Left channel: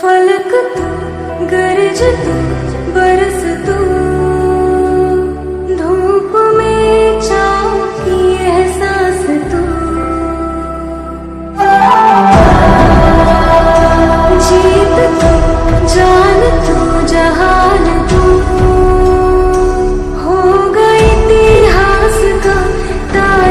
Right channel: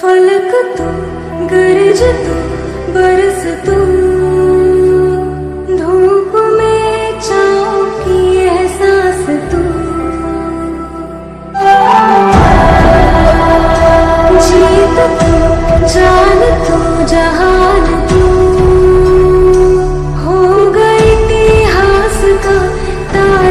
फलक तू, गरज तू, बरस तू, धूप में छाँव की एहसास तू, जीत तू, जान तू, जहान तू, हो गई इतिहास का तार